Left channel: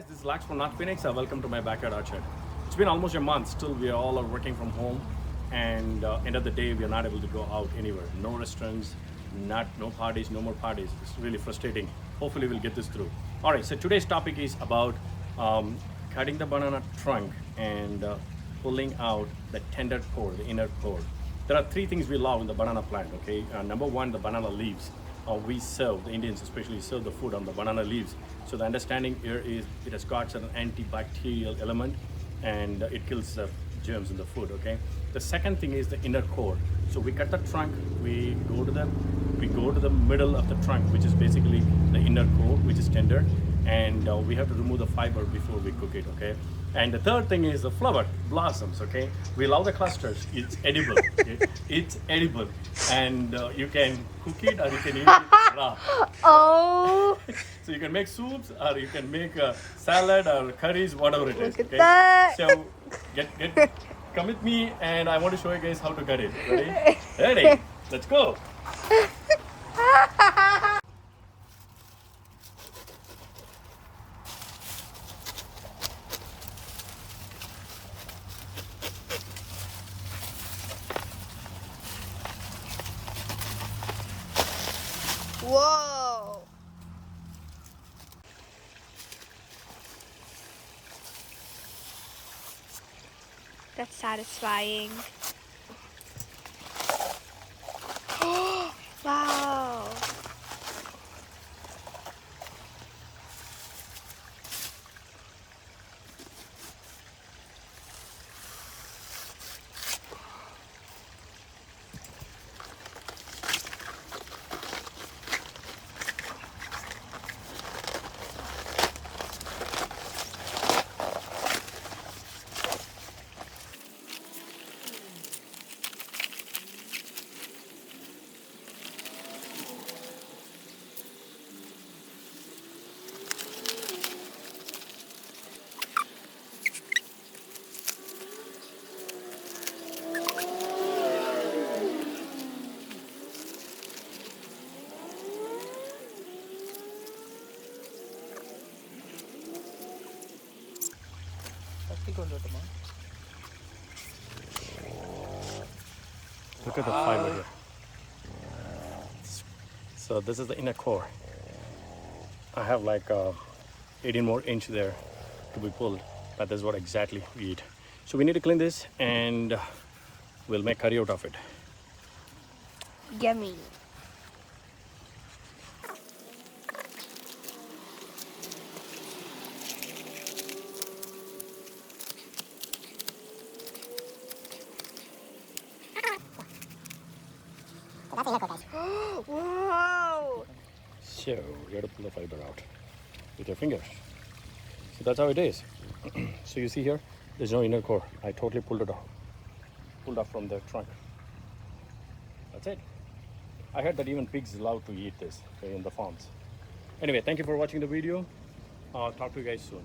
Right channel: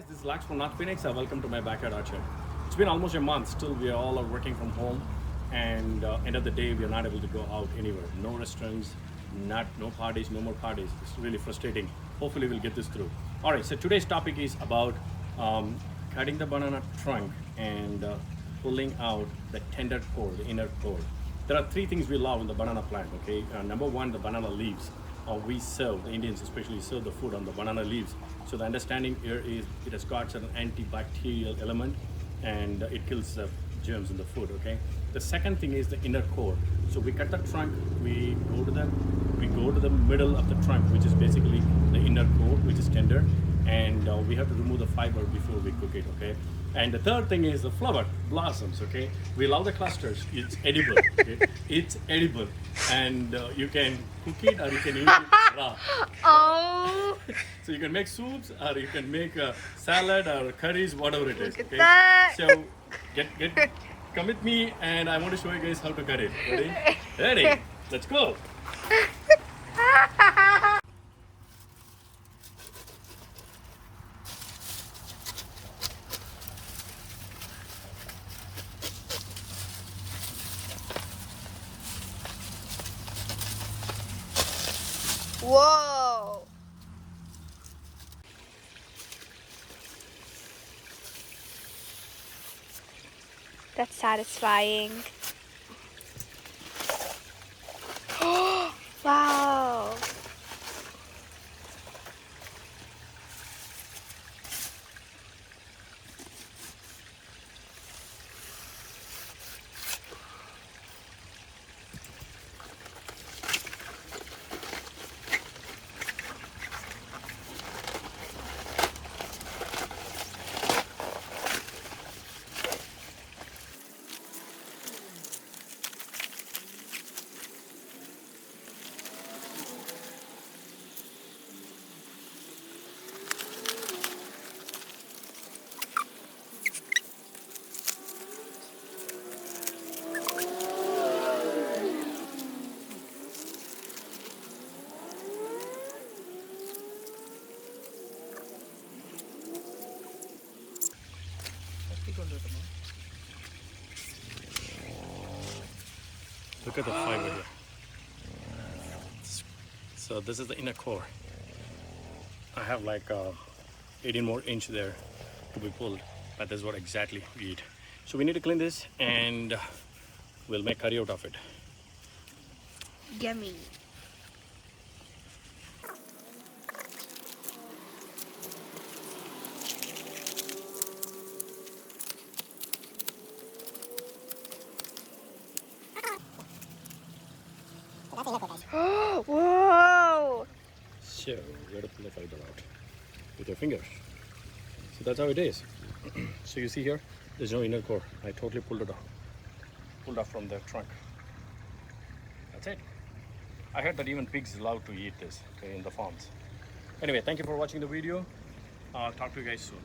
Guys, this is Lax from North Phoenix. Welcome to my backyard orchard. It's been almost a month. Still, we are all are working from home, and end of the day, we are not able to go out anywhere. No restaurants, no parties, no more parties. It's really frustrating. Hopefully, we'll get this through. All right. So today's topic is about cutting the banana trunk and pulling out the tender core, the inner core. There are three things we love in the banana plant. Okay, number one, the banana leaves. We serve, the Indians especially serve the food on the banana leaves. So the understanding here is it has got an antibacterial element and it kills the germs in the food. Okay. The second thing is the inner core. So we cut the trunk, we go to the middle of the trunk, which is basically the inner core, which is tender, and we have to remove the fiber before we cook it. Okay. And the third thing is the flower blossoms. Okay, we love the clusters. It's edible. Okay? It's edible, and you can cook it or you can eat it raw. Oh, So you can make soups or you can make a salad or curries, whatever it is. look at Okay. that. So come with me, and I want to show you guys how to cut it. Ready? Ready? Let's go. Whoa. That's satisfying. Wow. Look at the fiber here. So this is the inner core. I have like 18 more inch there to be pulled, but that's what exactly we eat. So we need to clean this and we'll make curry out of it. Yummy. Whoa. So you have to pull the fiber out with your finger. So that's how it is. So you see here, there's no inner core. I totally pulled it off. Pulled off from the trunk. That's it. I heard that even pigs love to eat this, okay, in the farms. Anyway, thank you for watching the video. I'll talk to you guys soon.